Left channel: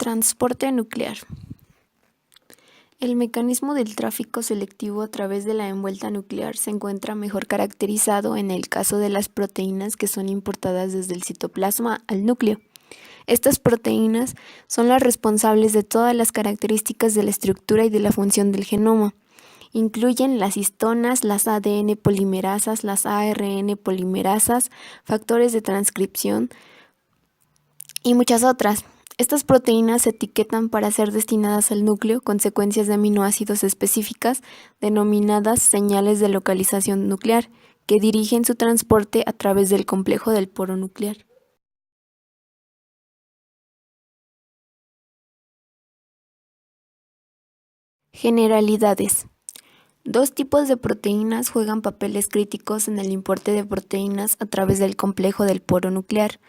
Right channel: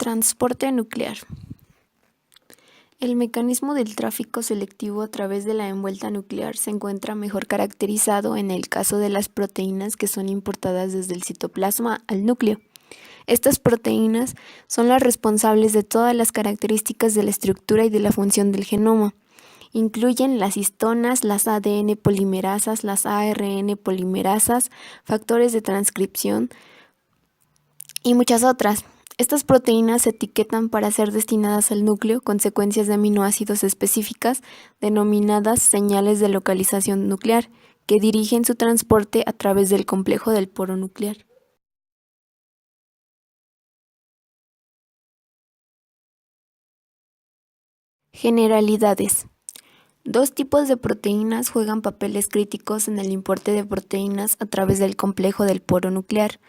Transporte nuclear. El mecanismo del tráfico selectivo a través de la envuelta nuclear se encuentra mejor caracterizado en el caso de las proteínas que son importadas desde el citoplasma al núcleo. Estas proteínas son las responsables de todas las características de la estructura y de la función del genoma. Incluyen las histonas, las ADN polimerasas, las ARN polimerasas, factores de transcripción y muchas otras. Estas proteínas se etiquetan para ser destinadas al núcleo con secuencias de aminoácidos específicas denominadas señales de localización nuclear, que dirigen su transporte a través del complejo del poro nuclear. Generalidades. Dos tipos de proteínas juegan papeles críticos en el importe de proteínas a través del complejo del poro nuclear.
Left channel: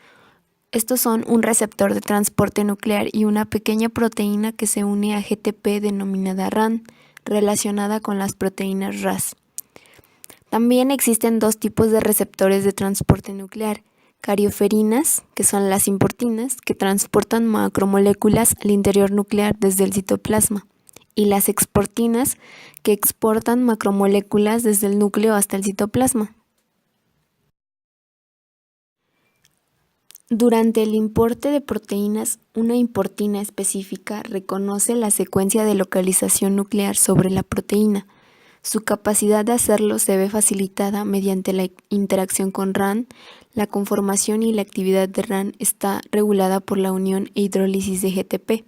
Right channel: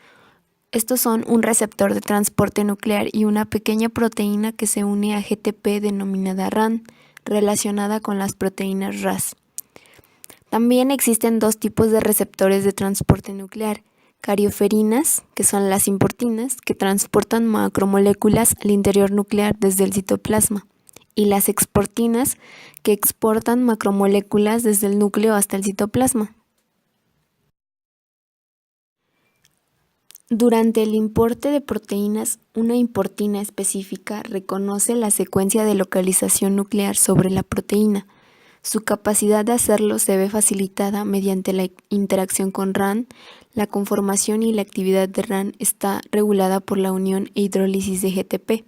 Estos son un receptor de transporte nuclear y una pequeña proteína que se une a GTP denominada RAN, relacionada con las proteínas Ras. También existen dos tipos de receptores de transporte nuclear: carioferinas, que son las importinas, que transportan macromoléculas al interior nuclear desde el citoplasma, y las exportinas, que exportan macromoléculas desde el núcleo hasta el citoplasma. Durante el importe de proteínas, una importina específica reconoce la secuencia de localización nuclear sobre la proteína. Su capacidad de hacerlo se ve facilitada mediante la interacción con RAN. La conformación y la actividad de RAN está regulada por la unión e hidrólisis de GTP.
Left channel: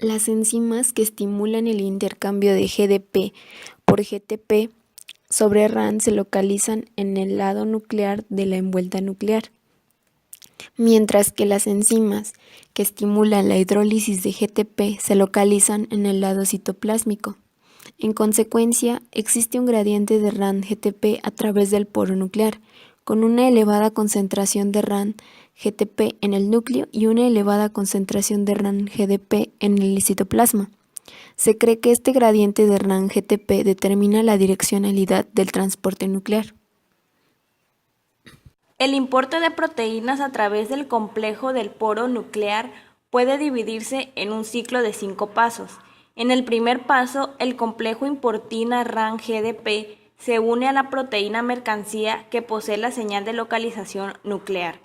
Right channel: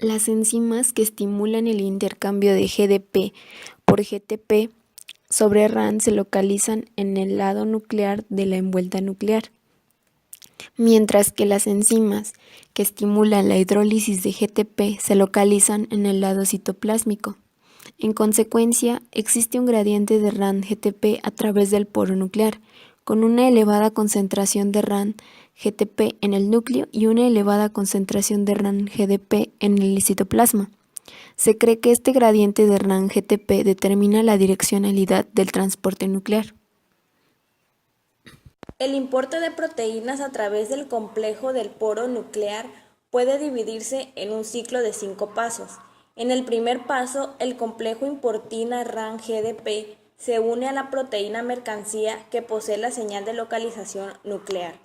Las enzimas que estimulan el intercambio de GDP por GTP sobre RAN se localizan en el lado nuclear de la envuelta nuclear, mientras que las enzimas que estimulan la hidrólisis de GTP se localizan en el lado citoplásmico. En consecuencia, existe un gradiente de RAN-GTP a través del poro nuclear, con una elevada concentración de RAN-GTP en el núcleo y una elevada concentración de RAN-GDP en el citoplasma. Se cree que este gradiente de RAN-GTP determina la direccionalidad del transporte nuclear. El importe de proteínas a través del complejo del poro nuclear puede dividirse en un ciclo de 5 pasos. En el primer paso, el complejo importina RAN-GDP se une a la proteína mercancía que posee la señal de localización nuclear.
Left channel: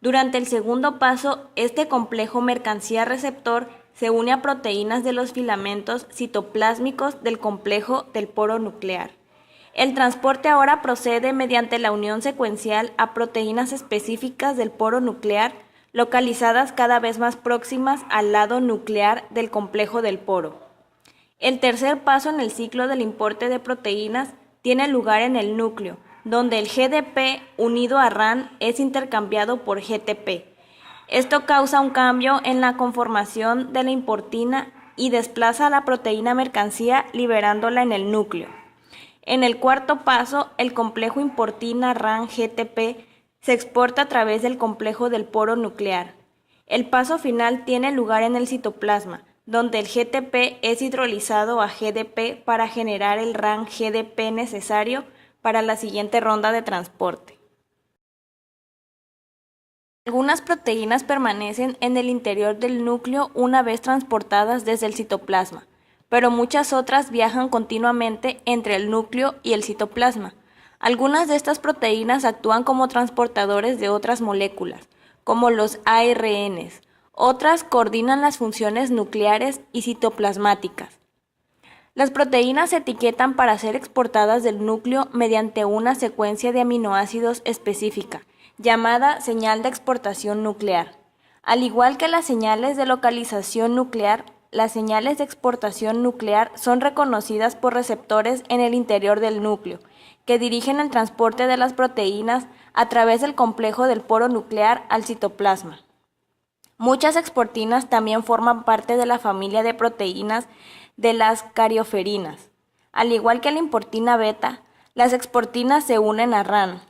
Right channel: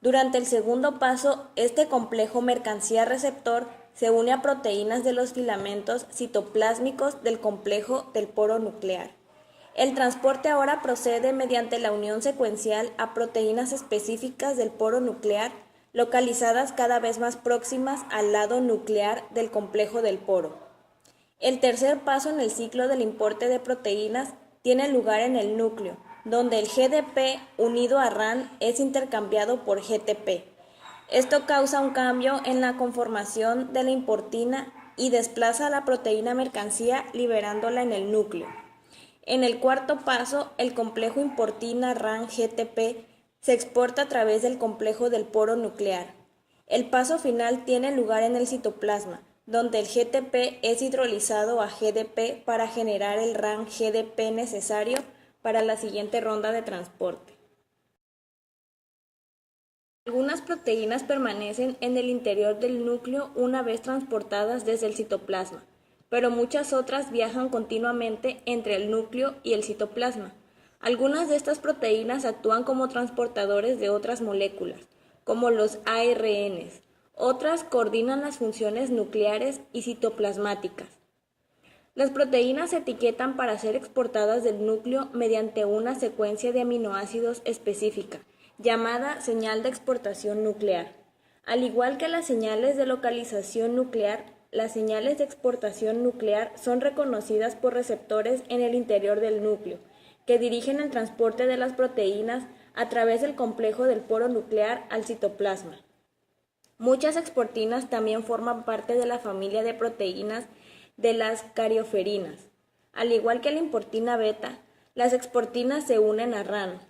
Durante el segundo paso, este complejo mercancía receptor se une a proteínas de los filamentos citoplásmicos del complejo del poro nuclear. El transporte ahora procede mediante la unión secuencial a proteínas específicas del poro nuclear, localizadas cada vez más próximas al lado nuclear del complejo del poro. El tercer paso en el ciclo del importe de proteínas tiene lugar en el núcleo, donde el GDP unido a RAN es intercambiado por GTP. Esto causa un cambio en la conformación de la importina y desplaza a la proteína mercancía liberándola en el núcleo. En el cuarto paso, el complejo importina RAN-GTP se exporta a través del complejo del poro nuclear. El paso final tiene lugar en el citoplasma, donde el GTP es hidrolizado a GDP para generar el RAN-GDP necesario para la siguiente ronda de transporte. Algunas proteínas permanecen en el interior del núcleo una vez transportadas desde el citoplasma, pero muchas otras viajan continuamente entre el núcleo y el citoplasma. Algunas de estas proteínas actúan como transportadores de otras moléculas, como los ARNs. Otras coordinan las funciones nucleares y citoplasmáticas. Las proteínas se etiquetan para ser exportadas del núcleo mediante una secuencia de aminoácidos específica, llamada señal de exportación nuclear. Al igual que las señales de localización nuclear, las señales de exportación nuclear son reconocidas por receptores en el interior del núcleo, que dirigen el transporte de las proteínas a través del complejo del poro nuclear al citoplasma. Muchas exportinas también forman parte de la familia de proteínas de las carioferinas. Al igual que la importina beta, las exportinas se unen a RAN,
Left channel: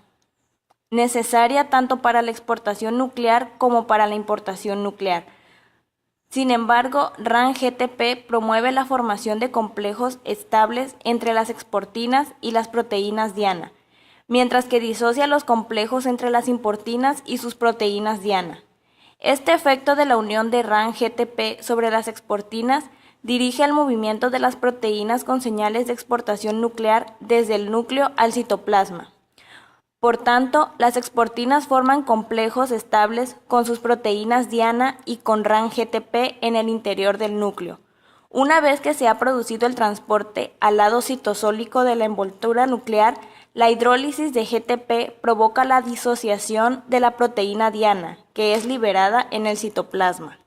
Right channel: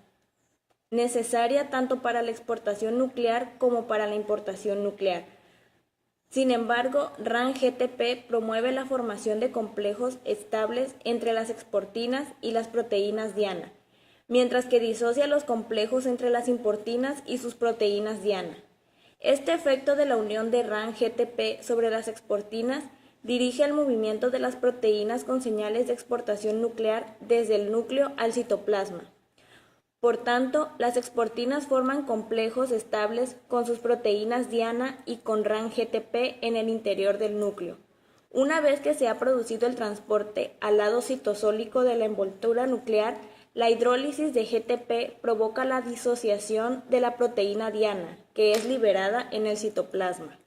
necesaria tanto para la exportación nuclear como para la importación nuclear. Sin embargo, RAN-GTP promueve la formación de complejos estables entre las exportinas y las proteínas diana, mientras que disocia los complejos entre las importinas y sus proteínas diana. Este efecto de la unión de RAN-GTP sobre las exportinas dirige el movimiento de las proteínas con señales de exportación nuclear desde el núcleo al citoplasma. Por tanto, las exportinas forman complejos estables con sus proteínas diana y con RAN-GTP en el interior del núcleo. Una vez que se ha producido el transporte al lado citosólico de la envoltura nuclear, la hidrólisis de GTP provoca la disociación de la proteína diana, que es liberada en el citoplasma.